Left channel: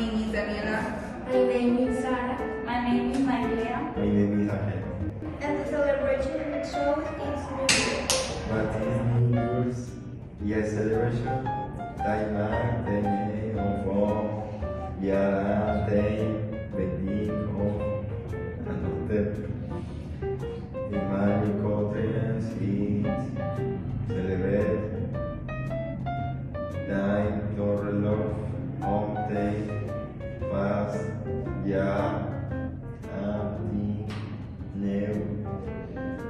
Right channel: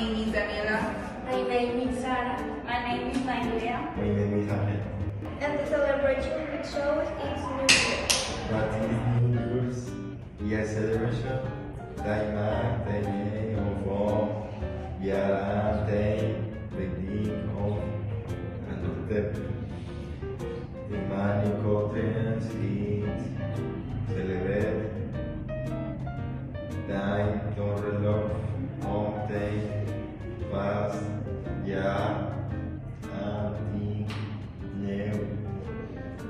name is Daniela. My name is Sara. My name is Maria. My name is Ahmed. And the celebration show is New Year. What is New Year's? Yes, celebration. Taimar tem ovo, Yara tem bendito, Anotep. The man conference kids celebrate. Time to love, home day, fast, yeah, anti, new,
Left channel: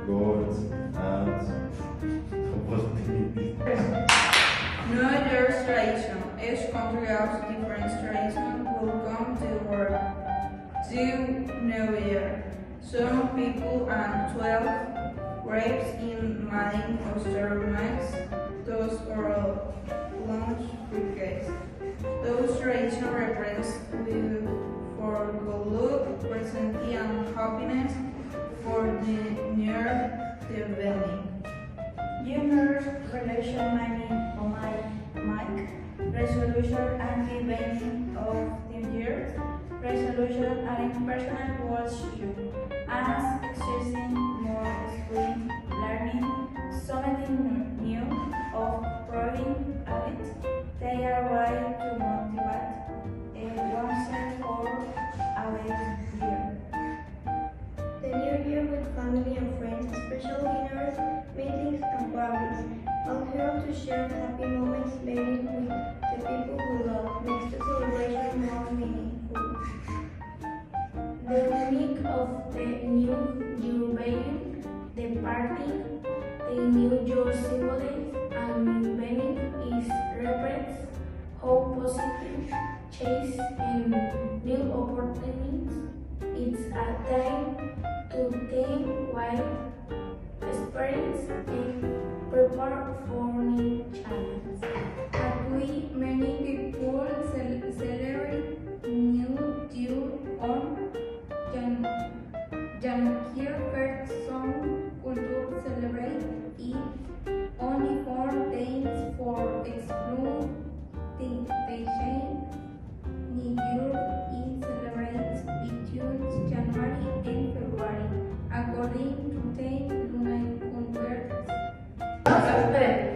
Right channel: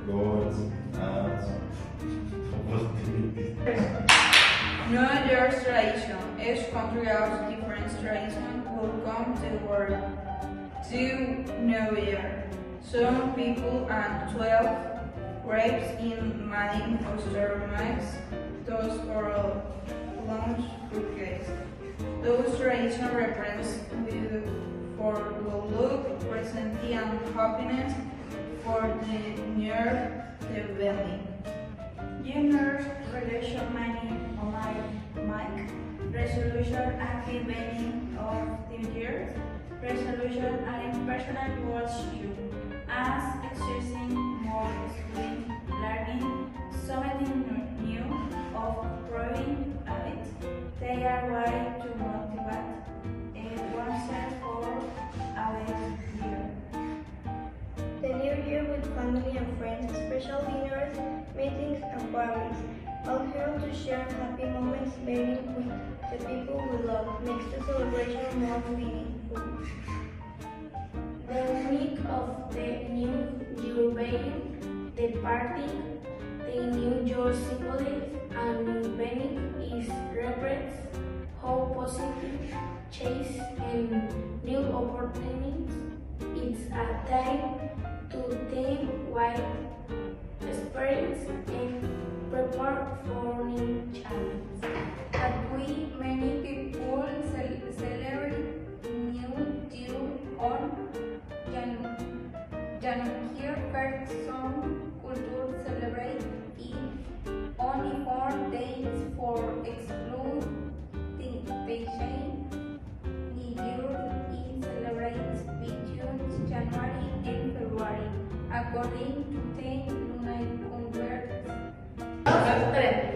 goals, and opportunities. New Year's tradition. Each country has different traditions. Welcome to work to New Year. Some people add 12 grapes in Madin Oyster mix. Those for lunch fruitcakes. Those traditions represent good for good luck, presence and happiness for the new evening. Junior's relation money on my mic. Resolution and the beginning of the year. Resolution and personal goals you. As exercising more screen learning, something new of growing habits. They are way to motivate oneself for a better year. The new year with family and friends, special dinners, meetings and parties. All help to share happy moments being with the people we love. Makes the celebration more meaningful. The week of the new year being, the party, the new year symbolism and meaning is represents how positive chase and new opportunities. It's a time to think wide experience and prepare for new challenges. But we many people celebrate New Year on January 1st. Some cultures celebrate it only 4 days for exclude the vacation. New Year is celebrated between January and February, according to the lunar calendar.